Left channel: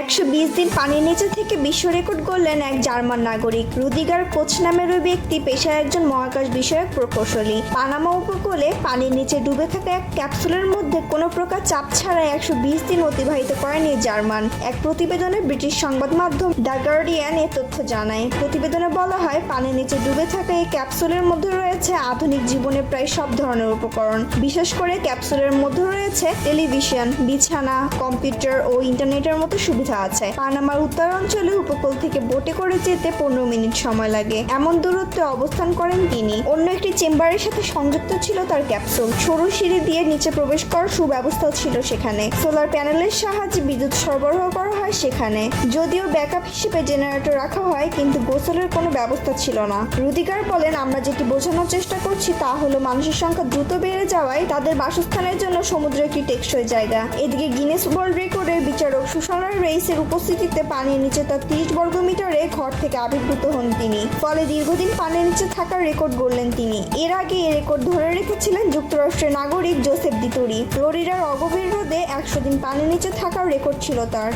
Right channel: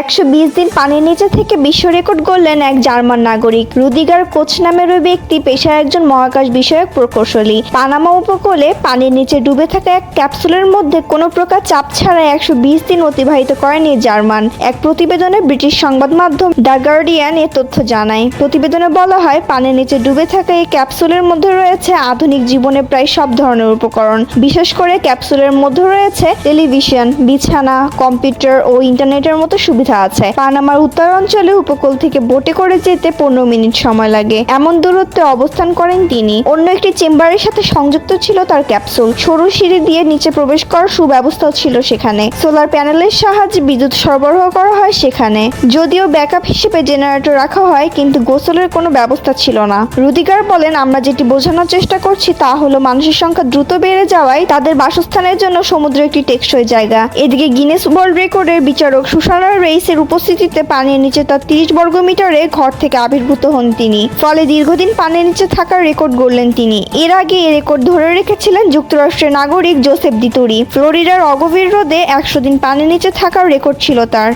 120 দিন পানির নিচে থেকে বিশ্ব রেকর্ড গড়লেন এক জার্মান নাগরিক। রুদিগার কোচ নামের ওই ব্যক্তি পেশায় একজন মহাকাশ বিষয়ক প্রকৌশলী। পানামা উপকূলে পানির নিচে ডুবে থাকা এক ক্যাপসুলের মধ্যে কোনো প্রকার চাপ ছাড়াই 120 দিন অতিবাহিত করেন এই জার্মান। এক প্রতিবেদনে ব্রিটিশ সংবাদ মাধ্যম দ্য গার্ডিয়ান এ তথ্য জানায়। প্রতিবেদনে বলা হয়, পানির নিচে ডুবে থাকা এই ক্যাপসুলের মধ্যে রয়েছে আধুনিক জীবনে প্রায় সব ধরনের উপকরণ। বিশেষ করে ক্যাপসুলের মধ্যে রয়েছে টেলিভিশন, বিছানা, কম্পিউটার ও ইন্টারনেটের মতো সুবিধা আছে। পানামার উত্তরাঞ্চলে উপকূল থেকে বোটে করে যেতে 15 মিনিট সময় লাগে। এমন দূরত্বে অবস্থান করেন তিনি। অন্য একটি চেম্বারের সাথে সংযুক্ত ছিল তার ক্যাপসুল। সরু সিঁড়ি দিয়ে নিচে প্রবেশ করার সুব্যবস্থাও ছিল সেখানে। সোলার প্যানেলের সাহায্যে বিদ্যুৎ সরবরাহ করা হয় সেখানে। যদিও ব্যাকআপ হিসেবে জেনারেটর রাখা হয়, কিন্তু গোসলের কোনো ব্যবস্থা ছিল না। রুদিগার বলেন, আমরা যেটি বোঝানোর চেষ্টা করছি তা হলো মানুষের সংখ্যা দ্রুত বেড়ে যাওয়ায় তাদের বাসস্থানের জন্য সমুদ্র একটি টেকসই জায়গা। এদিকে গিনেস ওয়ার্ল্ড রেকর্ডের বিচারক সুসানা রেইসের উপস্থিতিতে পানির নিচে তার 30 বর্গমিটারে ঘর থেকে আবির্ভূত হন তিনি। ফলে দীর্ঘদিন পানির নিচে থাকার রেকর্ড গড়লেন তিনি। এর আগে এই রেকর্ড ধরে রেখেছিলেন যুক্তরাষ্ট্রের নাগরিক জোসেফ দিতুরি। ফ্লোরিডার অগভীর হ্রদে 100 দিন পানির নিচে থাকার রেকর্ড ছিল তার।